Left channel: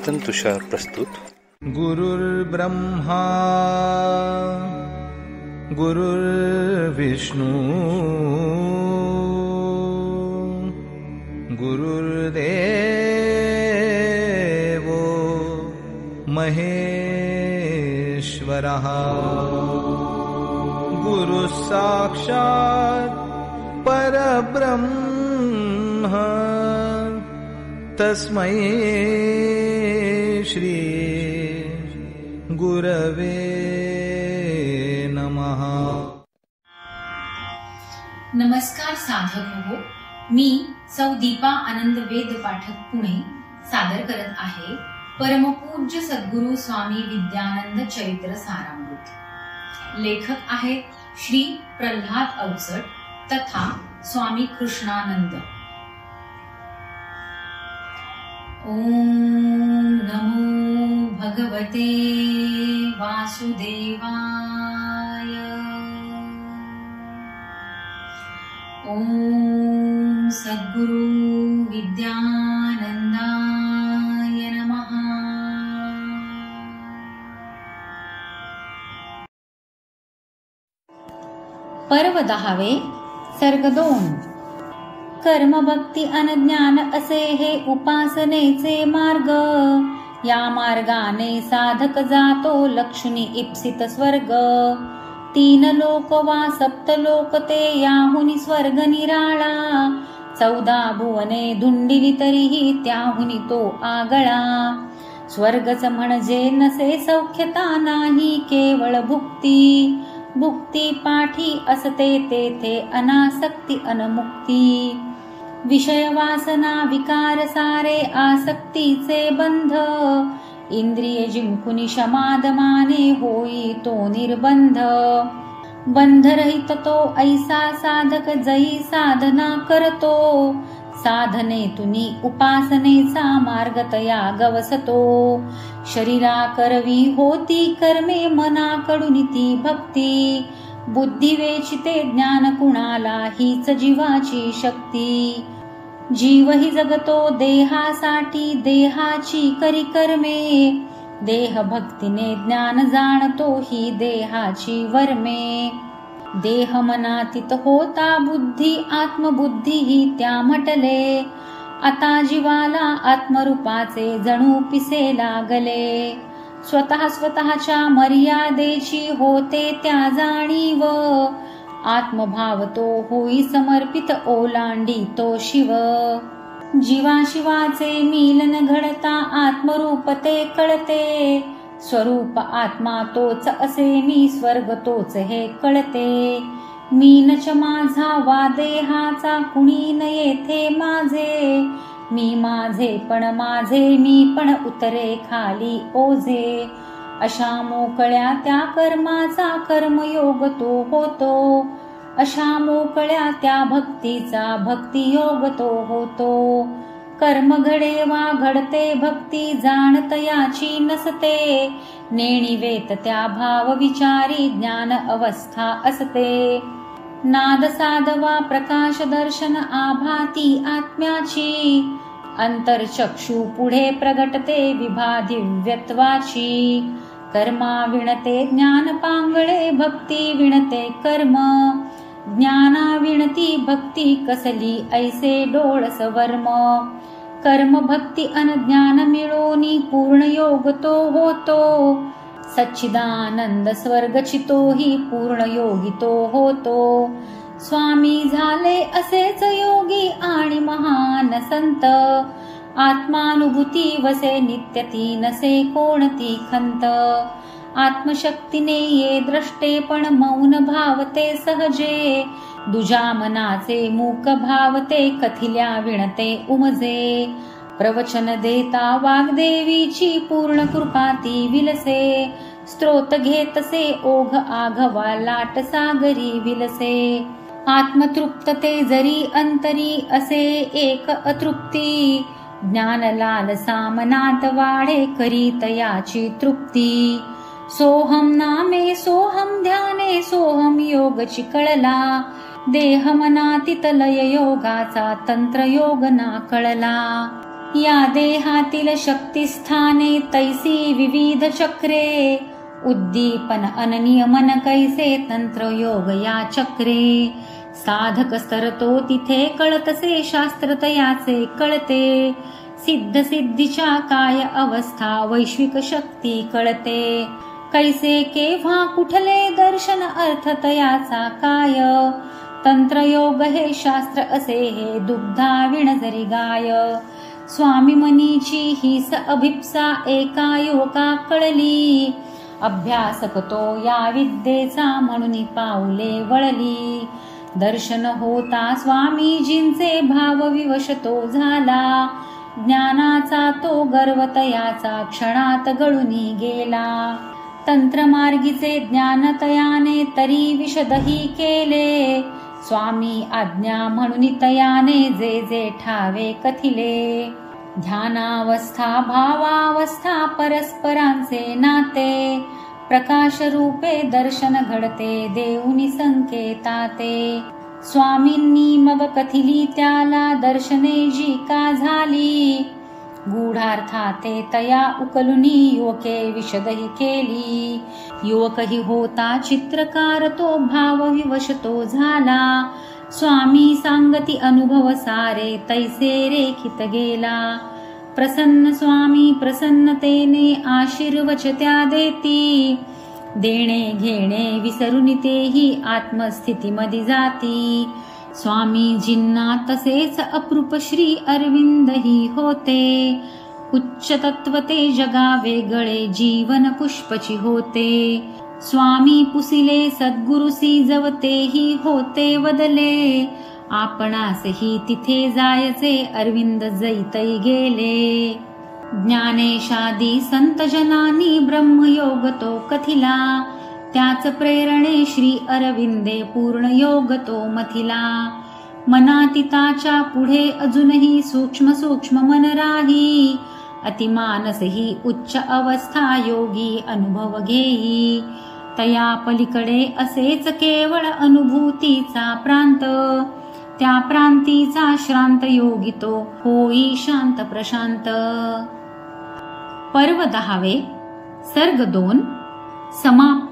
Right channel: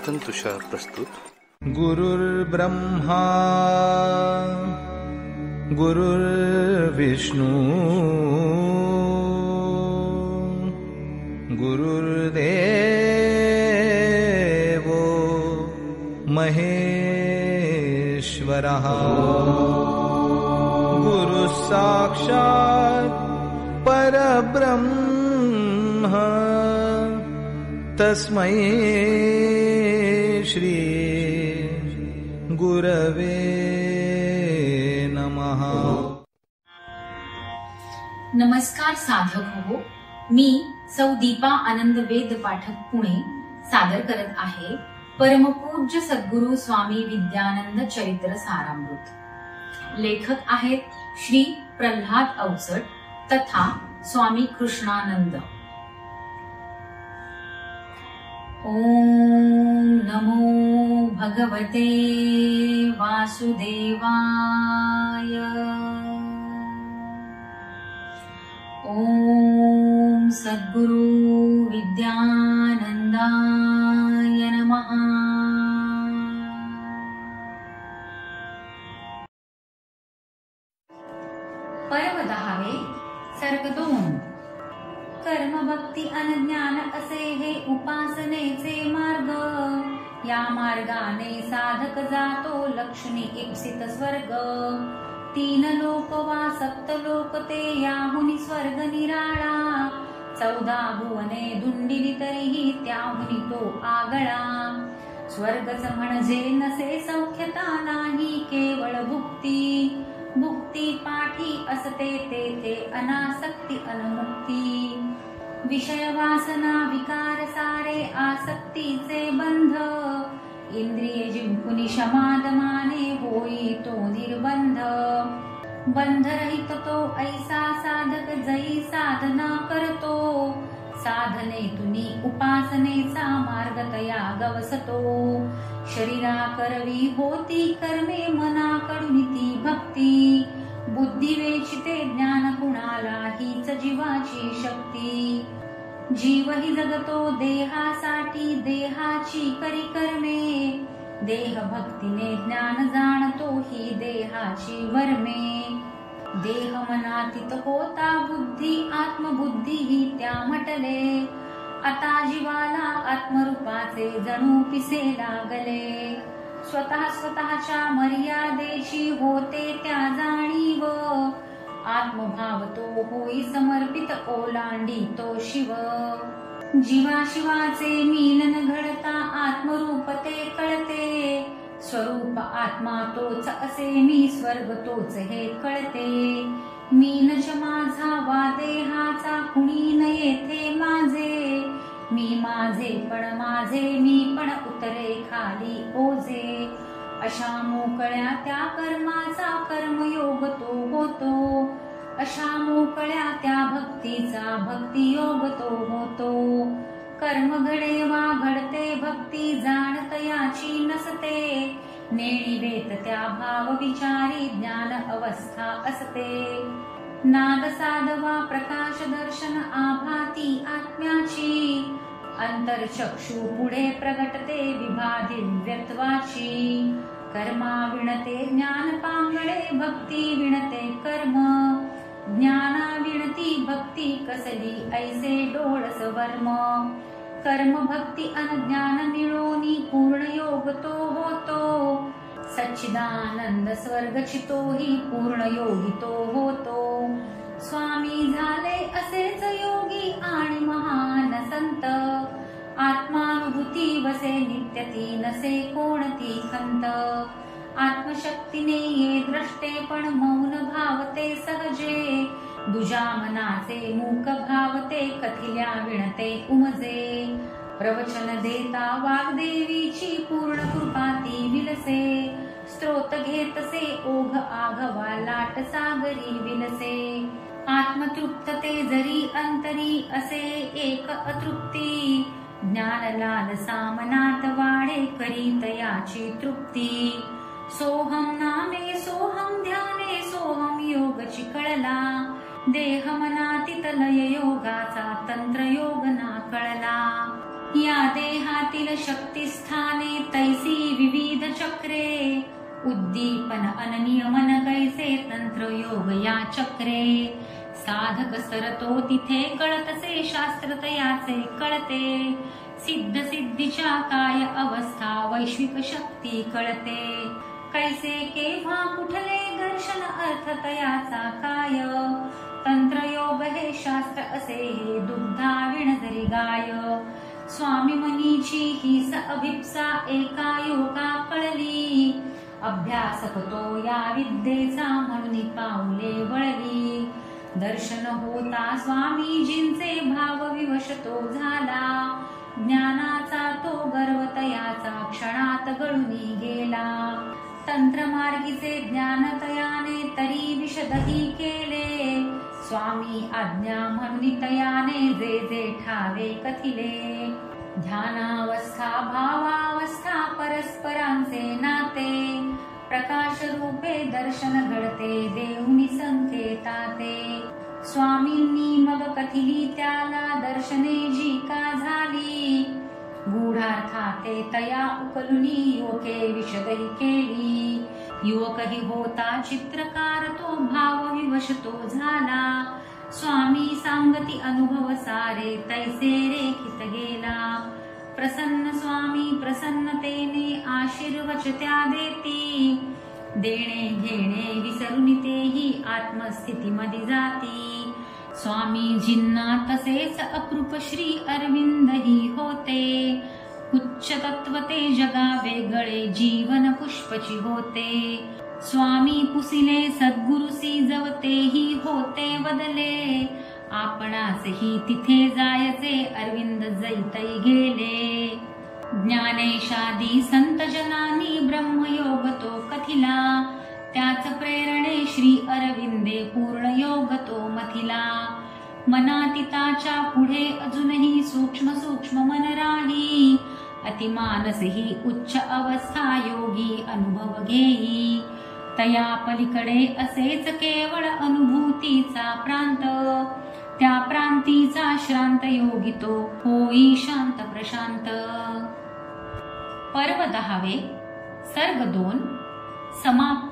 चिंतन तुषार प्रस्तुत. गुरुर्ब्रह्मा गुरुर्विष्णू गुरुर्देवो महेश्वरः गुरुः साक्षात् परब्रह्म तस्मै श्री गुरवे नमः. नमस्कार साधक हो, मी सौ दीपा आनंद वेद पाठक पुणे सादर करत आहे परमपूज्य सद्गुरु स्वामी विद्यानंद चरित्र सारामृत. लेखक आहेत श्री प्रल्हाद अवचट तथा स्वामी कृष्णानंद. ओम नमो भगवते वासुदेवाय. ओम सद्गुरु विद्यानंदाय नमः. पर्व 10 सर्ग 2. कर्म भक्ती अनज्ञान असे हे उपासनेचे मार्ग. या मार्गाने साधक जातो लक्ष्मी इप्सित स्वर्ग. 3 लोक वा 7 लोक ते याहुनी स्वर्ग निराळा. 14 भुवने धुंडिली तरीही त्याहुनी तो आगळा. स्वर्गच म्हणजे नसे सौख्यता नाही केवळ भुक्ती. भुक्ती पाठी असते तेथे अनासक्ती अनमुक्ती. विषय वासना विकार सारे आसक्तीचे बंध. इंद्रिय जिंकुनी शमादमाने होई तो निर्बंध. बंधरहित तो ऐसा साधक जई साधना करतो. साधने तुनी उपासनेचा मार्ग तया गवसतो. शरीरा करवी होती कर्मे मनाकडून ती भक्ती. बुद्धी वेचिते ज्ञान कुणाला हीच जीवाची शक्ती. जीव ही जगतो देहासाठी देहाची करी कर्मे. देह भक्तीने ज्ञान जाणतो ही देहाची वर्मे. देह मनातीत होता बुद्धी आत्मबुद्धी ही त्या म्हटले. आता जीवाला आत्मरूपाचे जणू पिसे लागले. स्वतः स्वतःच्या मर्यादेची होते त्या जाणीव. आत्मभाव तो होई समर्पित ओलांडी तो शिव. जीवाशिवाचे मिलन घडता आत्मरूप ते कळते. स्वरूप आत्मा तोच असे मी स्वर्ग तोच हे कळते. मीनच माझा वा देहाचा कुणी न येथे माझे. मी माझे पण माझे मी पण उतरे खाली ओझे. अशा मोकळ्या त्या कर्माचा कर्मयोग तो होतो. अशा मोकळ्या त्या भक्तीचा भक्तियोग तो होतो. कर्म घडे वा घडते भक्ती जाणत याची नसते. नेणी वेत त्या भाव विचारी ज्ञान अवस्था असते. नाद साधवा प्रकाश दर्शन आभाती आत्म्याची. अंतरचक्षु पुढे प्रगटते विभा दिव्यत्वाची. कर्मा विणते ज्ञान पांगळे भक्ती विणते कर्म. ज्ञाना विणती भक्ती कसली ऐसे डोळस वर्म. कर्म भक्ती अनज्ञान मिळोनी पूर्ण योग तो होतो. सच्चिदानंद स्वर्गचितो ही पूर्ण योगी तो होतो. स्वामी झाले असेच योगी आणि महान संत. आत्मानुभूती वसे नित्य ती नसे कोणती खंत. आत्मशक्तीने ये द्रष्टे पण मौन भावते सहजे. दुजा मनाचे मूक भावते कथिल्या विणते उमजे. प्रवचन देता वाग्देवीची पूर्ण कृपा ती विलसे. स्त्रोत घेतसे ओघ आघवा लाट सागरी विलसे. आत्मतृप्तते जरी अंतरी असे एक अतृप्ती. ज्ञान लालसा मनात वाढे करीत याची तृप्ती. सोहम नामे सोहम ध्याने सोहम योगची कळला. देह मनातीत लय योगाचा तंत्र योग ना कळला. या देहातील शक्तिस्थाने तैसी विविध चक्रे, उद्दीपन अननियमन कैसे तंत्र योग या चक्रे. साधक स्तरतो तिथे कळतसे शास्त्र तयाचे कळते, सिद्ध सिद्धीच्या काय अवस्था वैश्विक शक्ती कळते. कैसे केव्हा कुठले दर्शन अर्थ तयाचा काय, तंत्रयोग हे शास्त्र असे हे दुग्धा विण जरी गाय. स्वामी मनीची हीच अभिप्सा एका युवका कळली, अभ्यासक तो या विद्येचा म्हणून पाऊले वळली. दर्शन होता स्वामीजींचे भाव विवश तो झाला, ज्ञानाचा तो गर्व तयाचा क्षणात गळूनी गेला. तंत्रमार्गीचे ज्ञान तयाने तरी विशदही केले, स्वामी आज्ञा म्हणून तयाने जे जे ठावे कथिले. ध्यानावस्था भावावस्था परस्परांचे नाते, प्रकाश रूपे दर्शन घडते देऊनी संकेताते. स्वामींनी मग कथिली त्याला दर्शने जी का झाली, गूढार्थाते तया उकलुनी युवके विशदही केली. युवकही होता चित्रकार तो भाव विवश तो झाला, स्वामी सांगती अनुभव सारे तैसे रेखित गेला. प्रसन्न स्वामी प्रसन्नतेने आशीर्वच त्या देती, देणे घेणे विसरून तेही आत्मस्थितीमध्ये जाती. स्वामीजींना तसेच अप्रूप श्री अरविंदही होते, उच्च तत्व ते जगा वेगळे जीवन पुष्पची होते. स्वामी पुसिले सद्गुरुसी जवतेही होते वदले, आपणासही तिथे जायचे अरविंद जैतै गेले. ज्ञानेशादी संत जनांनी ब्रह्मयोग तो कथिला, त्याच प्रेरणे श्री अरविंदे पूर्ण योग तो मथिला. मनातीताच्या पुढे अजूनही सूक्ष्म सूक्ष्म मन राही, अतिमानसही उच्च अवस्था योगी अनुभव घेई. तया पलीकडे असेच केवळ अनुभूतीचा प्रांत, त्या प्रांतीचा श्रांत योगी तो होई शांत प्रशांत. पर्व 10 सर्ग 2 समाप्त.